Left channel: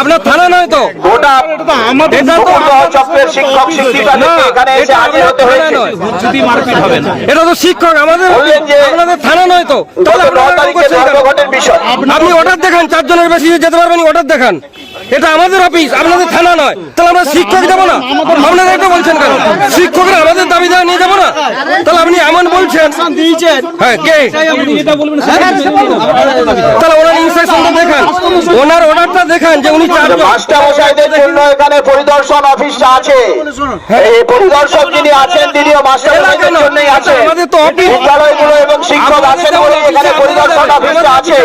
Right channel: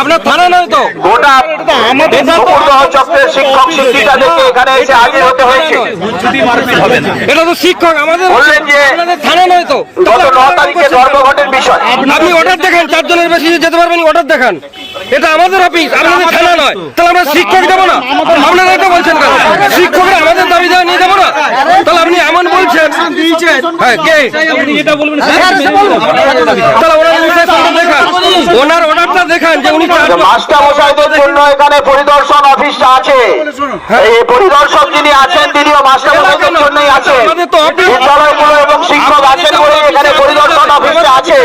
আপনার থানা নয় তো? গোটা এটা তো চক্রের শিক্ষক শিক্ষিকাদেরকে এখানে এসে হাজির হতে হয়েছে। এটা তো শিক্ষক আমাদের আমাদের থানা নয় তো। গত ন তারিখে ধর্মঘটের বিষয়। আপনি অর্ডার দেখান চারজনের বেশি যেতে পারবেন অর্ডার দেখান। এটা আমাদের অফিস আপনাদের থানা নয়। তাহলে আমরা শিক্ষক দেবো না? আপনারা এটা বলছেন কেন? শিক্ষকরা আমাদের দাবি দেওয়া নিয়ে যাব না? এমন বলছেন হ্যাঁ কে? তাহলে ওনার ইনস্ট্রাকশনটা দেখান। ওনার অর্ডারটা দেখান যে উনি মাস্টার মশাইদের জন্য এখানে পরিদর্শন অফিসটা আছে। এই পরিদর্শক যিনি আছেন তিনিও মাস্টার মশাইদের জন্যই আছেন আমাদের তো অফিস বিদ্যালয়গুলো এবং শিক্ষক আছেন বলে এখানে পরিদর্শন অফিসটা আছে।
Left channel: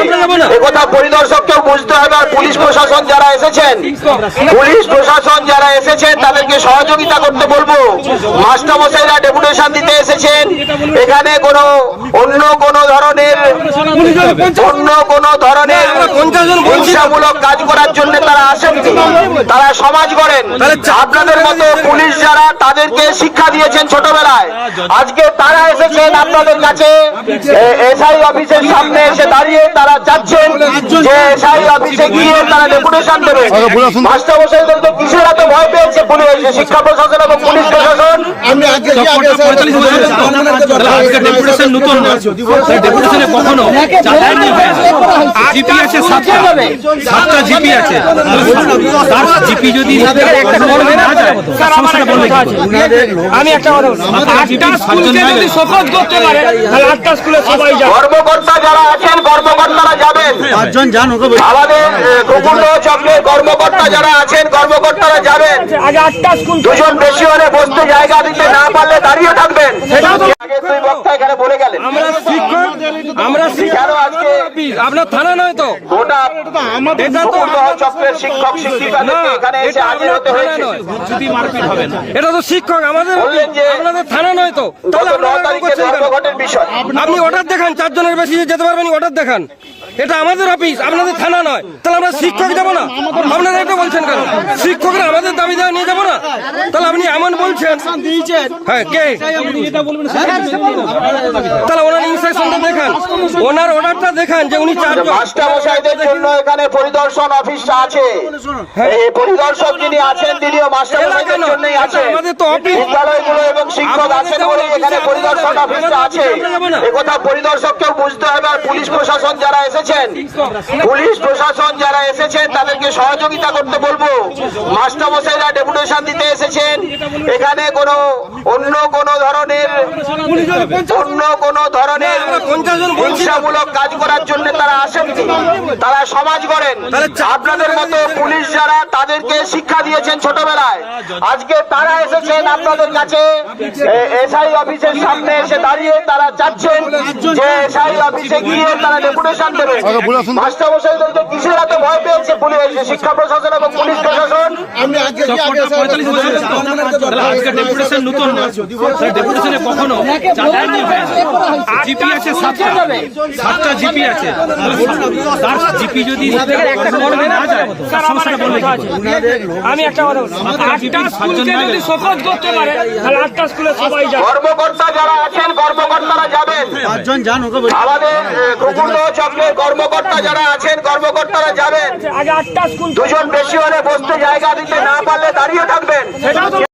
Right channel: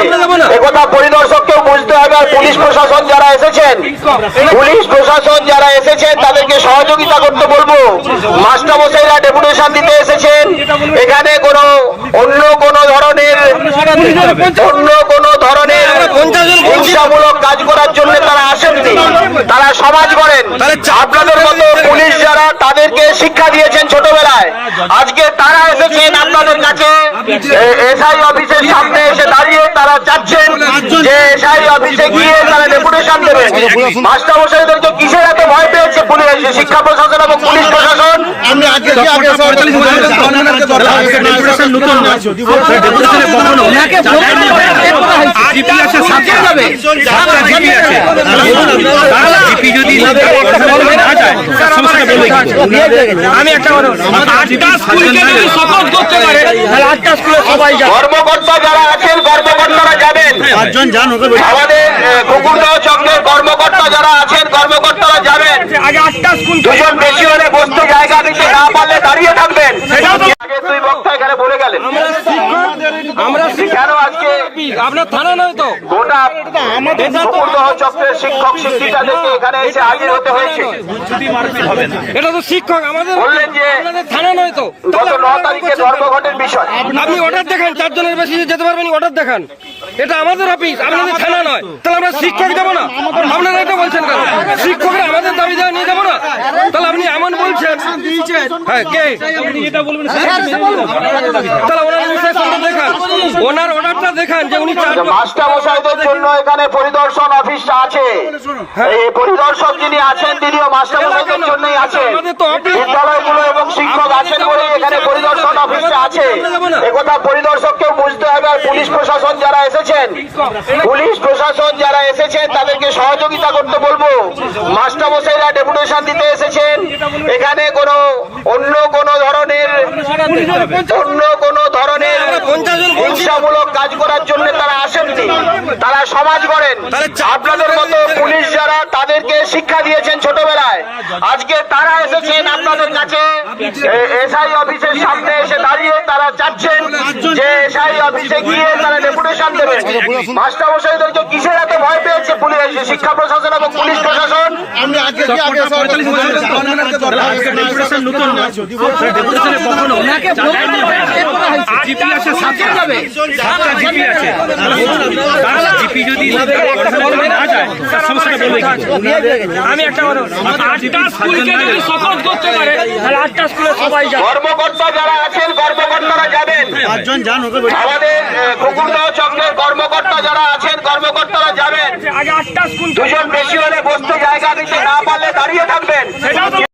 একথা পরিদর্শককেও বুঝতে হবে আর পুলিশ প্রশাসন যারা এসেছেন পুলিশ প্রশাসন যারা এসেছেন তাদেরকে সহযোগিতা করতে বলব। মাস্টার মশাইরা এসেছেন এখানে কোনো অন্য কোনো ধরনের, অন্য কোনো ধরনের হিংসামূলক কাজ করার জন্য তারা আসেননি। তারা সমাজ করেন আপনাদের মতো পুলিশ যারা তাদেরকে শিক্ষা দিয়েছেন ছোটবেলায় আজকে তারা এসেছেন আপনাদের কাছে এসআই অফিসের সামনে এসে দাঁড়িয়ে তারা চাচ্ছেন যে এসআই অফিসে গিয়ে তারা ডেপুটেশন দেবে মাস্টার মশাইদেরকে কিসের এত ভয় পেয়েছে পুলিশ শিক্ষা প্রশাসন এবং পুলিশ প্রশাসন জিপি আছে সাতটা সাতটা জিপি আছে। জিপি যদি সমস্যাটা বলবে আমি একটা আটটা স্কুলকে যদি শপথ করতে পারে তাহলে আটটা স্কুলে সবাই যাবে। কর্মকর্তা যারা আছেন কর্মকর্তারা যাবেন। পাঁচজন যান ওকে আমাদের চক্রের কর্মকর্তা যারা আছেন কর্মকর্তারা যাবেন। আগে আটটা স্কুল দুজন বেশি হলে বসতে জায়গা দিতে না পারলে দাঁড়িয়ে থাকবেন। আগে দুই বক্তা এখানে বলে গেলেন। আমরা শিক্ষক আমরা শিক্ষক আপনার থানা নয় তো? গোটা এটা তো চক্রের শিক্ষক শিক্ষিকাদেরকে এখানে এসে হাজির হতে হয়েছে। এটা তো শিক্ষক আমাদের বললেন যে আপনাদের থানা নয় তো। গত ন তারিখে ধর্মঘটের বিষয়। আপনি অর্ডার দেখান চারজনের বেশি যেতে পারবেন অর্ডার দেখান। এটা আমাদের অফিস আপনাদের থানা নয়। তাহলে আমরা শিক্ষক দেবো না? আপনারা এটা বলছেন কেন? শিক্ষকরা আমাদের দাবি দেওয়া নিয়ে যাব না? তাহলে আপনি এমন বলছেন হ্যাঁ কে? তাহলে ওনার ইনস্ট্রাকশনটা দেখান ওনার অর্ডারটা দেখান যে উনি চার মাস্টার মশাইদের জন্য এখানে পরিদর্শন অফিসটা আছে। এই পরিদর্শক যিনি আছেন তিনিও মাস্টার মশাইদের জন্যই আছেন। আমাদের তো অফিস বিদ্যালয়গুলো এবং শিক্ষক আছেন বলে এখানে পরিদর্শন অফিসটা আছে। একথা পরিদর্শককেও বুঝতে হবে আর পুলিশ প্রশাসন যারা এসেছেন পুলিশ প্রশাসন যারা এসেছেন তাদেরকে সহযোগিতা করতে বলব। মাস্টার মশাইরা ডেপুটেশন দিতে এসেছেন। এখানে কোনো অন্য কোনো ধরনের অন্য কোন ধরনের হিংসামূলক কাজ করার জন্য তারা আসেননি। তারা সমাজ করেন আপনাদের মতো পুলিশ যারা তাদেরকে শিক্ষা দিয়েছেন ছোটবেলায়। আজকে তারা এসেছেন আপনাদের কাছে। এসআই অফিসের সামনে এসে দাঁড়িয়ে তারা চাচ্ছেন যে এসআই অফিসে গিয়ে তারা ডেপুটেশন দেবে। মাস্টার মশাইদেরকে কিসের এত ভয় পেয়েছে পুলিশ? শিক্ষা প্রশাসন এবং পুলিশ প্রশাসন। কখনো জিপি আছে সাতটা জিপি আছে। জিপি যদি না যায় সমস্যাটা বলবে আমি একটা কথা আটটা স্কুলকে যদি শপথ করতে পারে তাহলে আটটা স্কুলে সবাই যাবে। কর্মকর্তা যারা আছেন কর্মকর্তারা যাবেন। পাঁচজন যান ওকে আমাদের গোকুণ্ড চক্রের কর্মকর্তা যারা আছেন কর্মকর্তারা যাবেন। আগে আটটা স্কুল দুজন বেশি হলে বসতে জায়গা দিতে না পারলে দাঁড়িয়ে থাকবেন।